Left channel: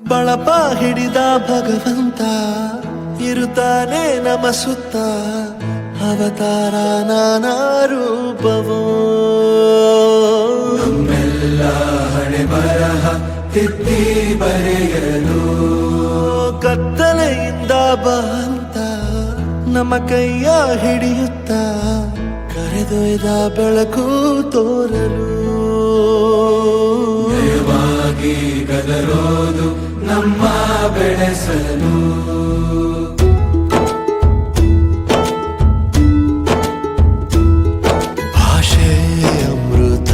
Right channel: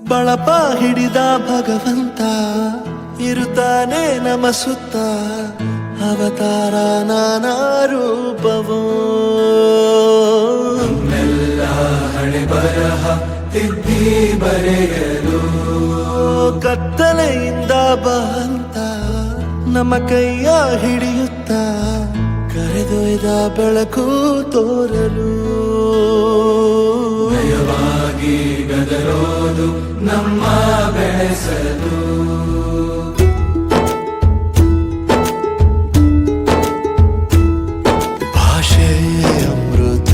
ಬಳಪ ಹಿಡಿದ ಭಗವಂತ ಇರುತ್ತಾನೆ ನಮ ಸುತ್ತ ಅವತಾರ ನಾನಾ ರೂಪವೋ ಹಣೆ ಬರಹ ತಿದ್ದಿ ಬರೆಯಲು ಕತ್ತಲೆಯಿಂದ ಬಂತ ನಮ್ಮ ಕೈಯ ಹಿಡಿಯುತ್ತ ಕರೆದೊಯ್ದ ಬೆಳಕು ತೋರಲು ಭಯವಾಗಿ ಗದರೋದು ನಮ್ಮ ಬೆಳೆಸಲು ಭಾಷೆ ಅಮೃತ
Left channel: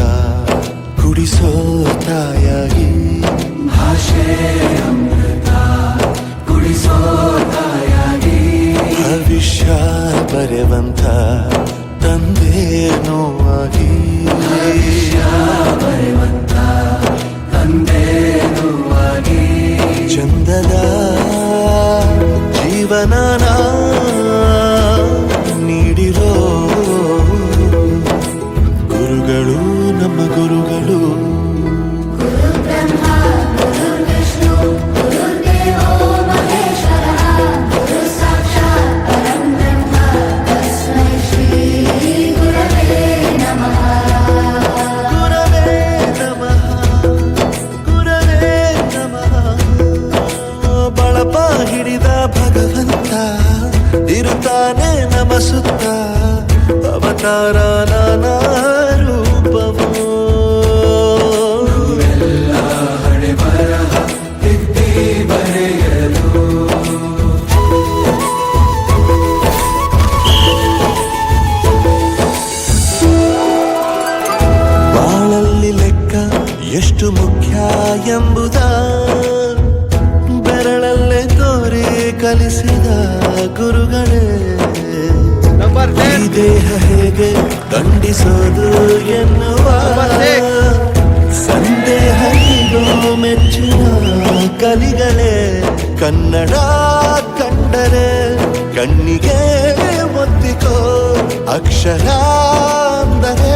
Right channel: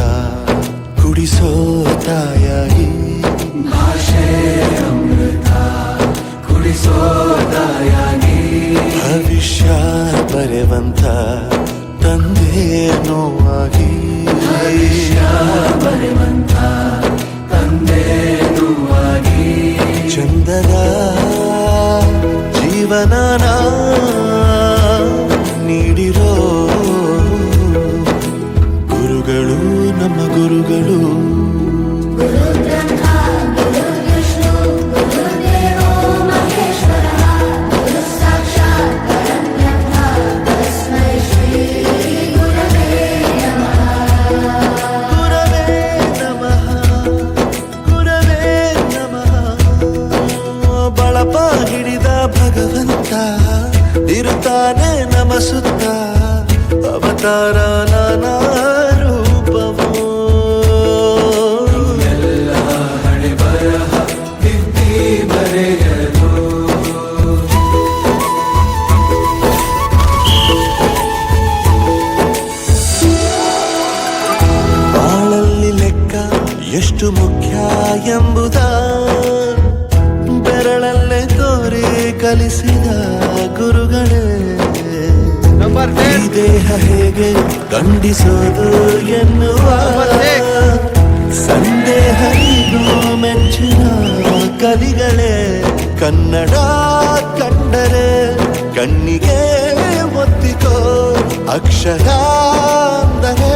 ಕುಡಿಸೋ ತಾಯಾಗಿ ಭಾಷೆ ಅಮೃತ ಕುಡಿಸೋ ತಾಯಾಗಿ ಭವಿಷ್ಯ ಬರೆವಂತ ತಂದೇನೋ ಆಗಿ ಬರೆವಂತ ತಂದೇನೂ ಆಗಿ ಚಂದದ ಜೀವನನ ನೀಡಿರೋ ಗುರುಗಳು ನಮ್ಮ ಗುರುಗಳು ಗುರವೇ ನಮಃ ಗುರವೇ ನಮಃ ಬಳಪ ಹಿಡಿದ ಭಗವಂತ ಇರುತ್ತಾನೆ ನಮ ಸುತ್ತ ಅವತಾರ ನಾನಾ ರೂಪವೋ ಹಣೆ ಬರಹ ತಿದ್ದಿ ಬರೆಯಲು ಬಾಳಲ್ಲಿ ಲೆಕ್ಕ ಎಷ್ಟು ಮುಖ್ಯ ಎಂಬುದ ಬೆರಳಲ್ಲೇ ತೋರಿ ಕಲಿಸಿದ ಗುರುಗಳೇ ಈ ದೇಹ ಹೇಗೆ ದಂಡಿಸೋದು ಎನ್ನುವ ಸಂದೇಹರಿಗೂ ಮೆಚ್ಚಿನ ಕಲಿಗಳೇ ಕನ್ನಡ ಕಂಡರೆ ಕಣ್ಣಿಗೆ ಒತ್ತಿಕೋ ಅಕ್ಷರ ಅಂದರೆ